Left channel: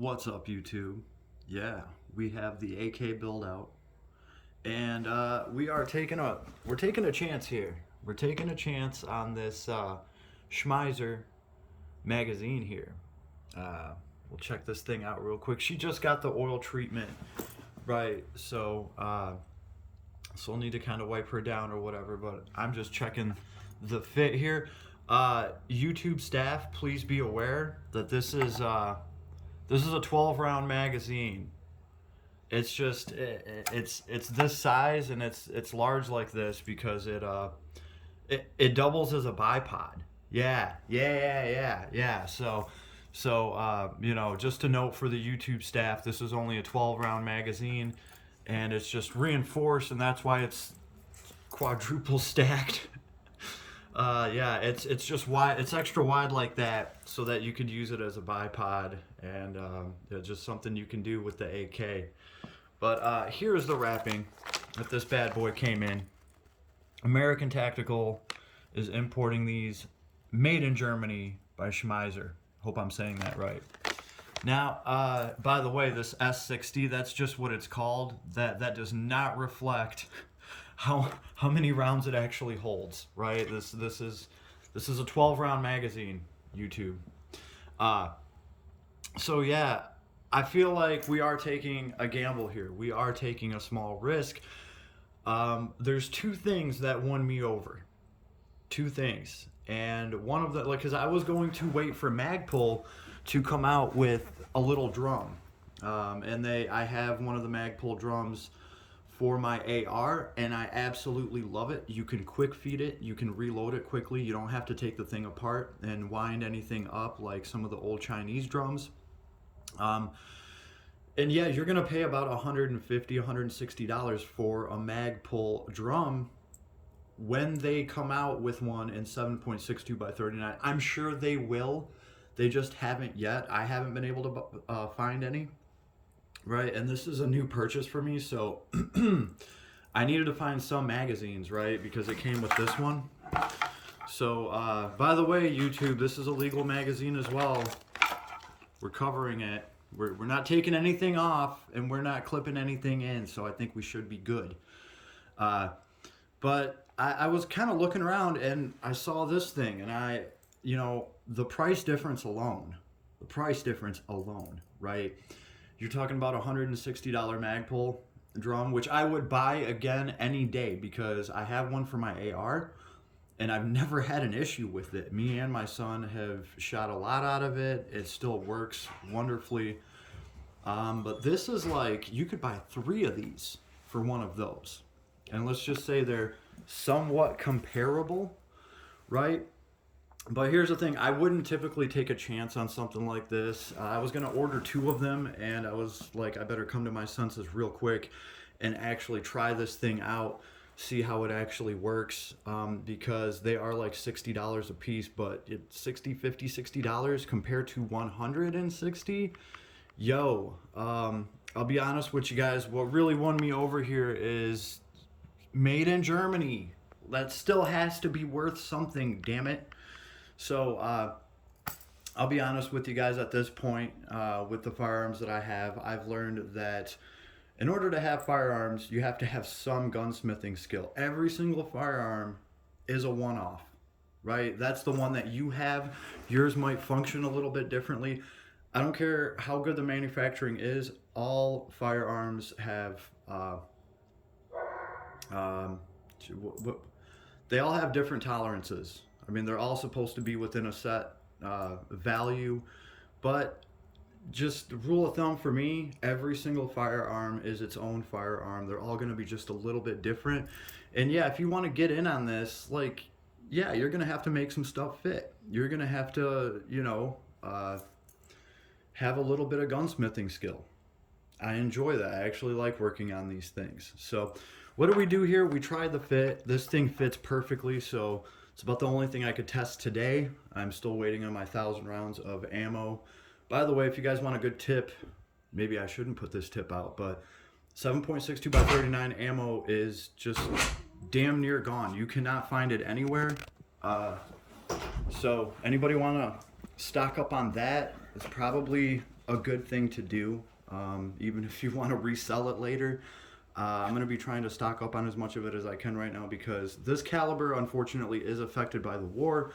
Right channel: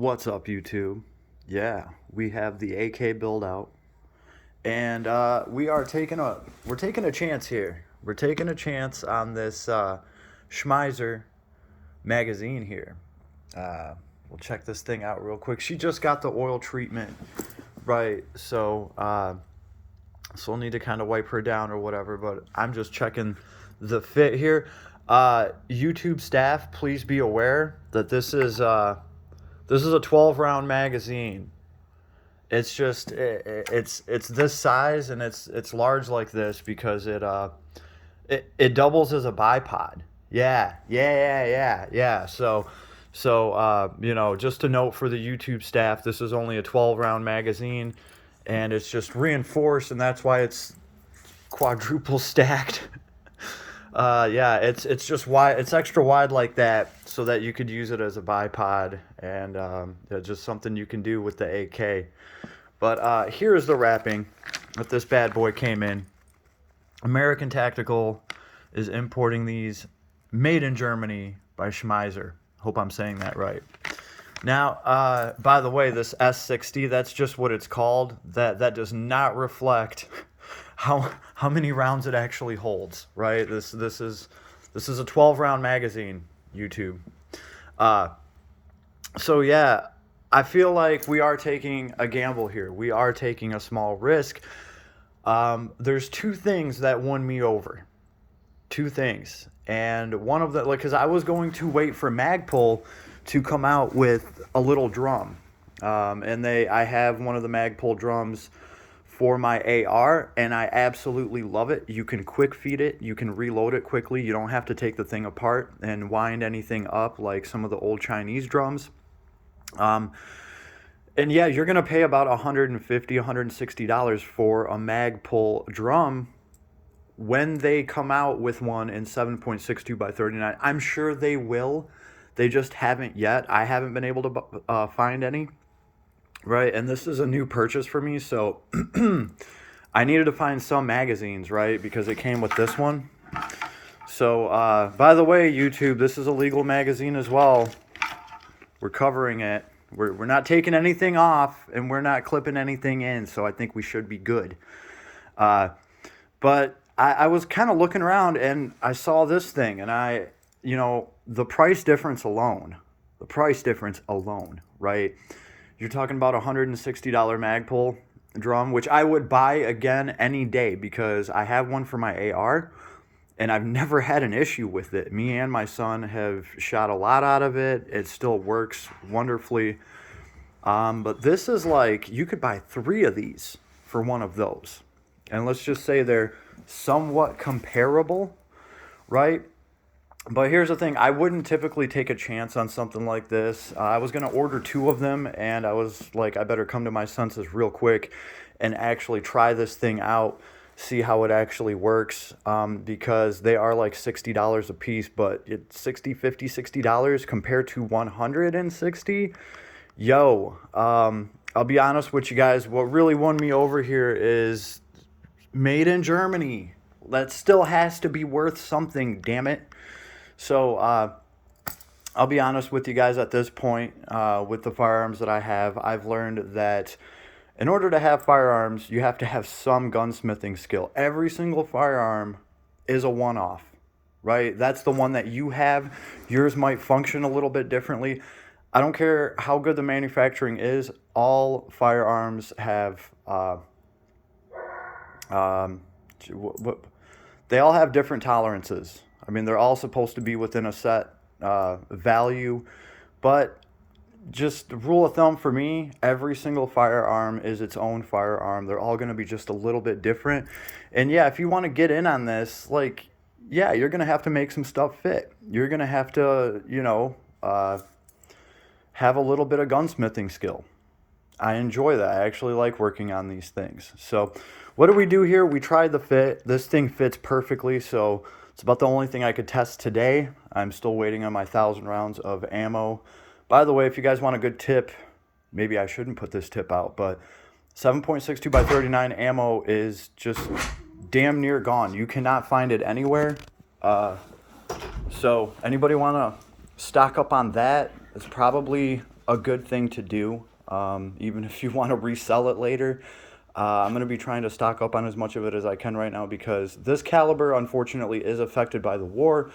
What's up, YouTube? Yeah, we have the AK build out, and we're taking a chance here. We're taking a chance on this Schmeisser magazine here. Uh, we'll check this thing out real quick. She just got the oil treatment, right? So I'll need to kind of wipe her down or whatever. But I'm just checking the fit here. YouTube staff, please be aware that this is a 12 round magazine. It's just it's this size, and it's large like this because it doubles as a bipod. Yeah. So just a note for the YouTube staff, this is only a 12 round magazine, and it's just reinforced, and that's why it's quadruple stacked. Yeah, it's just wide. It's extra wide like that, so that you could use it as a bipod, and just something you can do with the AK. But here's the wrapping that this bad boy came in. American Tactical is importing these, made in Germany by Schmeisser. Hope I'm saying that right. Now, by the way, this S60, that's just what it's called. That does not reflect how many rounds it actually holds, right? This is a 12 round magazine, YouTube. So yeah, I feel like we are taking a gamble here. We are taking a small risk. There's two things that won me over. Two things. And one of the, because I was going to wait for Magpul to come out with a little drum. I have one of the Magpul drums for my AR, and I absolutely love it. You can quick feed it, you can reload it quickly, you don't have to take the thing apart and wind anything up like some of the old Chinese drums. And yeah, you're gonna pay about $150, $160 for a Magpul drum when they come out with one in 7.62 by 39. I'm sure they will. They just haven't yet. I haven't been able to find any. Right, and this is a new purchase for me, so I needed to find some magazines, right, because it came with this one. So, by the way, YouTube, this is a legal magazine as well. We're covering it. We're not taking anything off, and we're not clipping anything in, so I think we should be good. But I was kind of looking around, and I saw this thing, and the price difference alone, right? You're talking about a $160 Magpul drum, which I would buy again any day because I have one for my AR, and I've never had an issue with it. Me and my son have shot a lot out of it. It still works wonderfully. But this is like, you could buy 3 of these for one of those. And let's just say they're somewhat comparable, right? But here's the thing, I wouldn't typically take a chance on something like this. I was going to order 2 of them, and I was like, I better come to my senses real quick and actually try this thing out, see how it actually works, because they are like $60 a piece, but it's $60 compared to $160. Yo, I'll be honest with you guys, what really won me over here is made in Germany. That still has to be worth something, damn it. So I'll be honest with you guys at this point, with the firearms that I have, I've learned that in order to have firearms, you have to have some gunsmithing skill. Every single firearm is a one-off, right? That's the one that you have. Yours might function a little bit differently. I don't care how good the manufacturing is. All firearms have, they all have different tolerances. I mean, they're all supposed to be within a set value, but just rule of thumb for me, every single firearm is its own firearm. They're all going to be just a little bit different. And yeah, if you want to get in on this, like, yeah, you're going to have to make some stuff fit. You're going to have to, have a little bit of gunsmithing skill. I enjoy that. I actually like working on these things. So what do we do here? We tried the fit. This thing fits perfectly, so it's about the only thing I could test today. I'm still waiting on my 1,000 rounds of ammo. By the way, if you guys want a good tip, maybe I shouldn't put this tip out, but 7.62 by 39 ammo is just damn near gone. You cannot find it anywhere. So anybody want to stock up on that? It's probably a good thing to do, even if you want to resell it later. I'm going to be trying to stock up on as much of it as I can right now because this caliber, unfortunately, is affected by the war.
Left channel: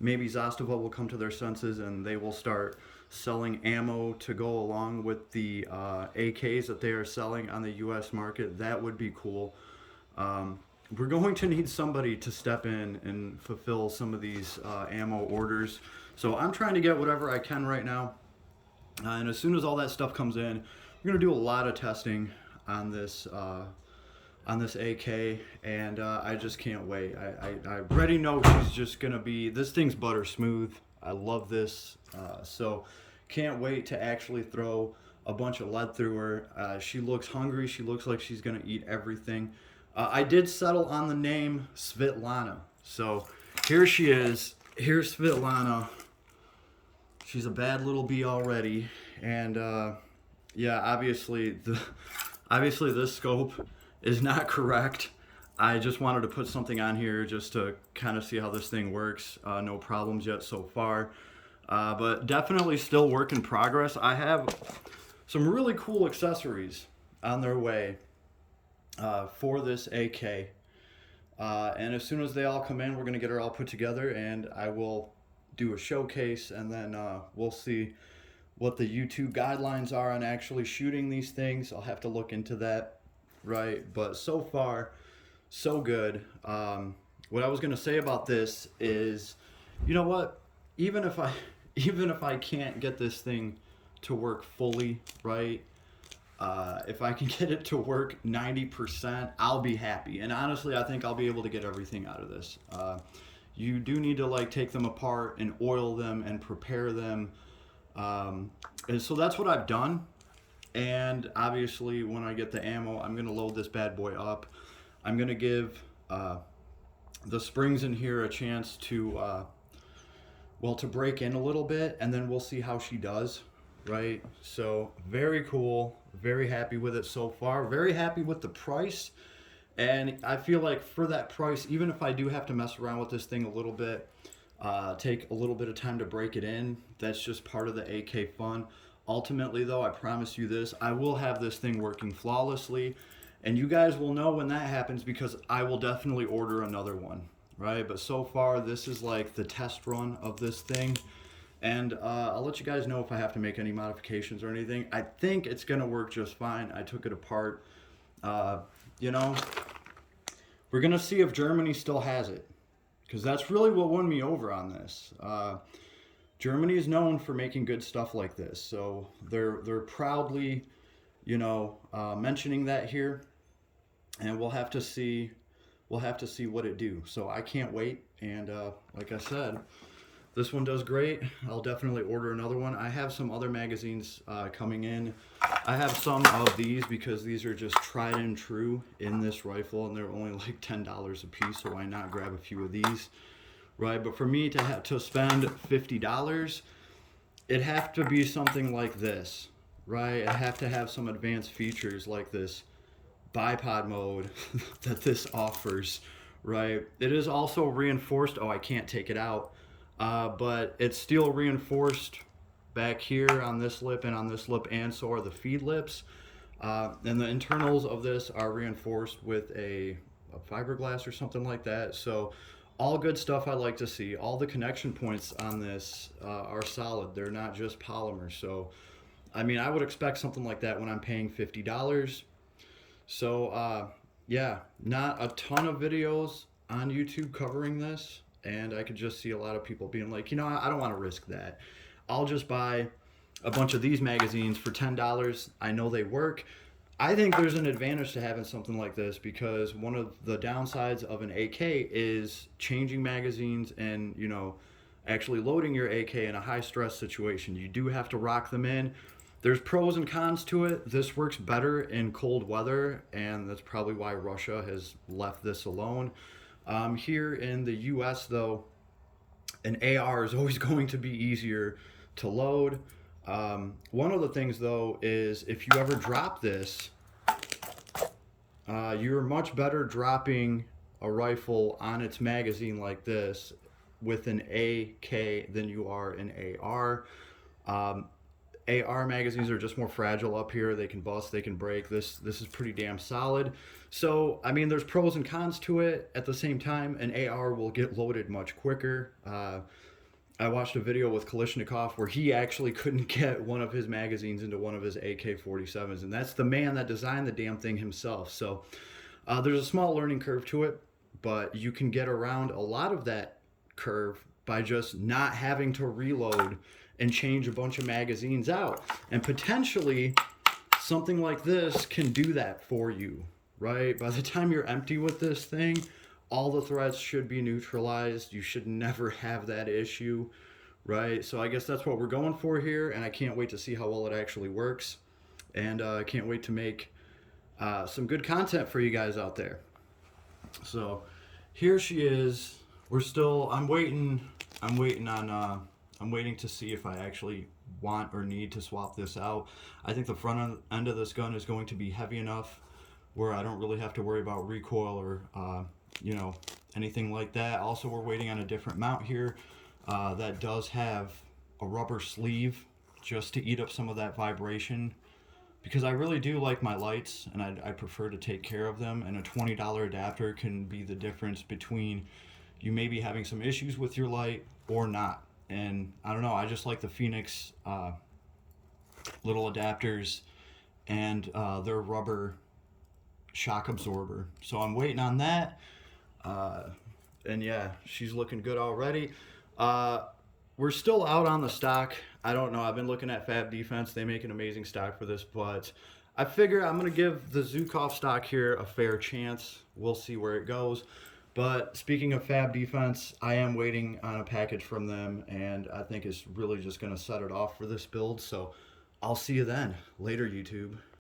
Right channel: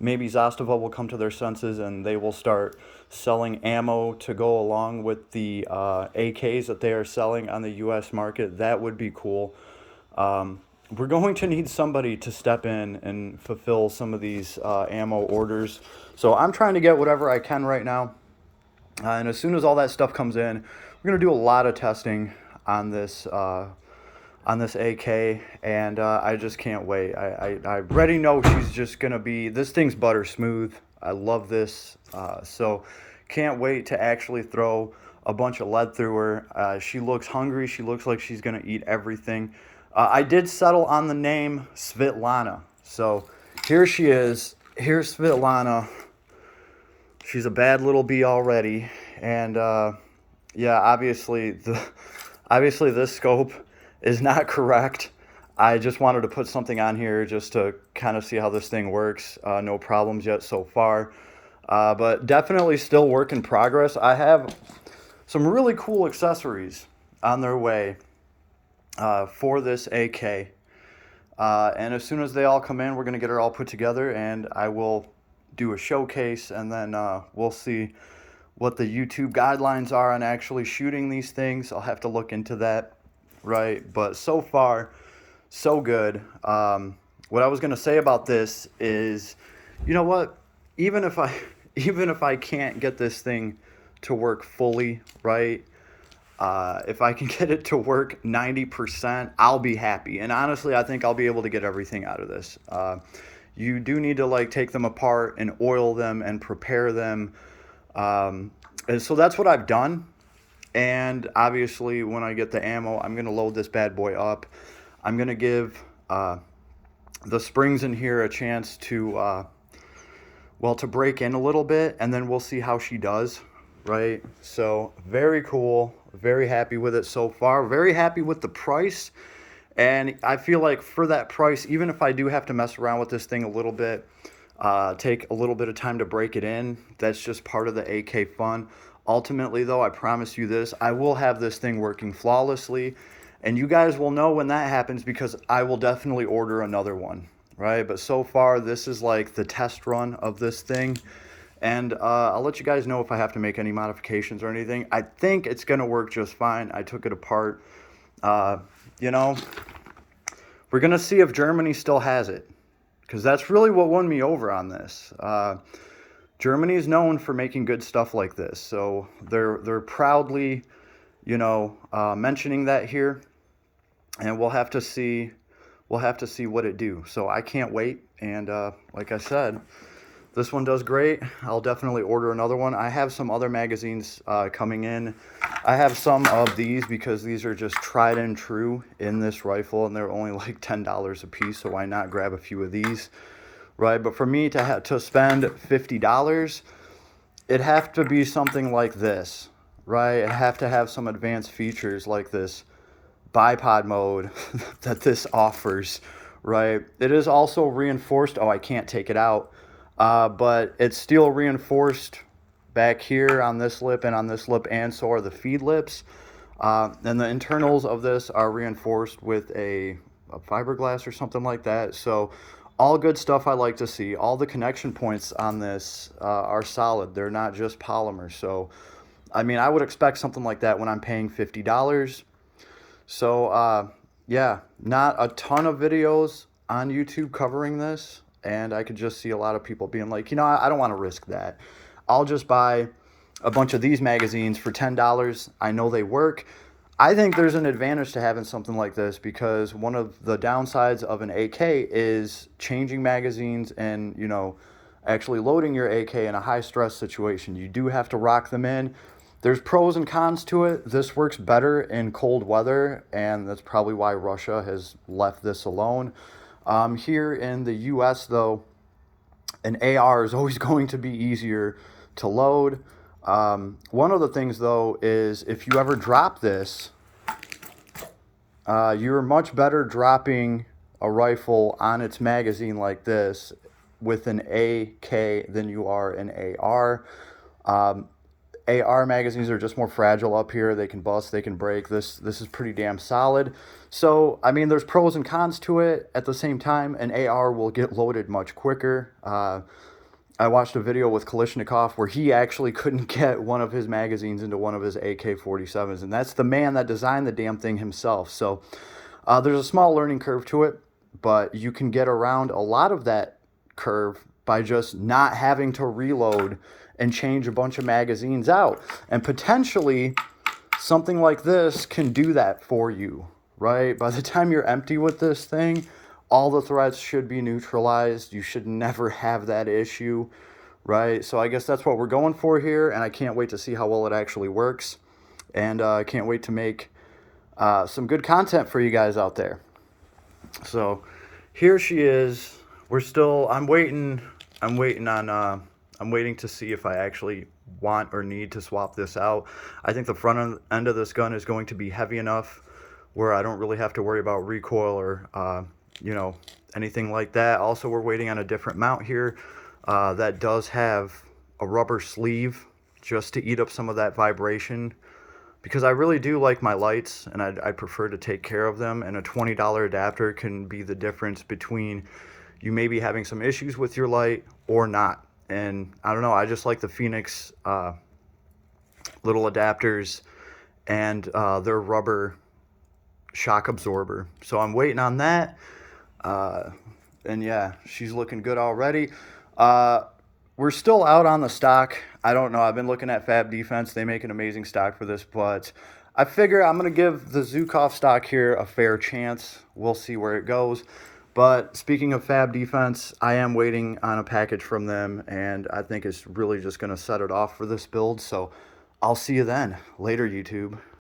Maybe Zastava will come to their senses and they will start selling ammo to go along with the AKs that they are selling on the U.S. market. That would be cool. We're going to need somebody to step in and fulfill some of these ammo orders. So I'm trying to get whatever I can right now. And as soon as all that stuff comes in, we're going to do a lot of testing on this AK, and I just can't wait. I already know she's just going to be, this thing's butter smooth. I love this. So can't wait to actually throw a bunch of lead through her. She looks hungry. She looks like she's going to eat everything. I did settle on the name Svetlana. So here she is. Here's Svetlana. She's a bad little bee already. And yeah, obviously this scope is not correct. I just wanted to put something on here just to kind of see how this thing works. No problems yet so far. But definitely still work in progress. I have some really cool accessories on their way for this AK. And as soon as they all come in, we're going to get her all put together and I will do a showcase, and then we'll see what the YouTube guidelines are on actually shooting these things. I'll have to look into that, right? But so far, so good. What I was going to say about this is, you know what? Even if I can't get this thing to work fully, right? If I can get it to work 90%, I'll be happy. And honestly, I think I'll be able to get everything out of this. You do need to like take them apart and oil them and prepare them. And so that's what I've done. And obviously when I get the ammo, I'm going to load this bad boy up. I'm going to give the springs in here a chance to, well, to break in a little bit, and then we'll see how she does, right? So very cool. Very happy with it so far. Very happy with the price. And I feel like for that price, even if I do have to mess around with this thing a little bit, take a little bit of time to break it in, that's just part of the AK fun. Ultimately, though, I promise you this, I will have this thing working flawlessly. And you guys will know when that happens because I will definitely order another one, right? But so far, this is like the test run of this thing. And I'll let you guys know if I have to make any modifications or anything. I think it's going to work just fine. I took it apart. You know, we're going to see if Germany still has it, because that's really what won me over on this. Germany is known for making good stuff like this, so they're proudly, you know, mentioning that here, and we'll have to see what it do. So I can't wait, and like I said, this one does great. I'll definitely order another one. I have some other magazines coming in. I have some of these because these are just tried and true in this rifle, and they're only like $10 a piece, so why not grab a few of these, right? But for me to spend $50, it'd have to be something like this, right? It'd have to have some advanced features like this bipod mode that this offers, right? It is also reinforced. Oh, I can't take it out. But it's steel reinforced back here on this lip and on this lip, and so are the feed lips. And the internals of this are reinforced with a fiberglass or something like that. So all good stuff I like to see. All the connection points on this are solid. They're not just polymer. So, I mean, I would expect something like that when I'm paying $50. So, yeah, not a ton of videos on YouTube covering this. And I could just see a lot of people being like, you know, I don't want to risk that. I'll just buy a bunch of these magazines for $10. I know they work. I think there's an advantage to having something like this because one of the downsides of an AK is changing magazines and, you know, actually loading your AK in a high stress situation. You do have to rock them in. There's pros and cons to it. This works better in cold weather, and that's probably why Russia has left this alone. Here in the US, though, an AR is always going to be easier to load. One of the things, though, is if you ever drop this, you're much better dropping a rifle on its magazine like this with an AK than you are an AR. AR magazines are just more fragile up here. They can bust, they can break. This is pretty damn solid. So, I mean, there's pros and cons to it. At the same time, an AR will get loaded much quicker. I watched a video with Kalishnikov where he actually couldn't get one of his magazines into one of his AK-47s, and that's the man that designed the damn thing himself. So there's a small learning curve to it, but you can get around a lot of that curve by just not having to reload and change a bunch of magazines out. And potentially something like this can do that for you, right? By the time you're empty with this thing, all the threats should be neutralized. You should never have that issue, right? So I guess that's what we're going for here, and I can't wait to see how well it actually works. And I can't wait to make some good content for you guys out there. So here she is. I'm waiting to see if I actually want or need to swap this out. I think the front end of this gun is going to be heavy enough where I don't really have to worry about recoil or you know, anything like that. Also, we're waiting on a different mount here that does have a rubber sleeve just to eat up some of that vibration, because I really do like my lights and I prefer to take care of them, and a $20 adapter can be the difference between you maybe having some issues with your light or not. And I don't know, I just like the Phoenix little adapters and their rubber shock absorber. So I'm waiting on that. And yeah, she's looking good already. We're still out on the stock. I don't know. I've been looking at Fab Defense. They make an amazing stock for this, but I figure I'm going to give the Zukov stock here a fair chance. We'll see where it goes. But speaking of Fab Defense, I am waiting on a package from them, and I think it's really just going to set it off for this build. So I'll see you then. Later, YouTube.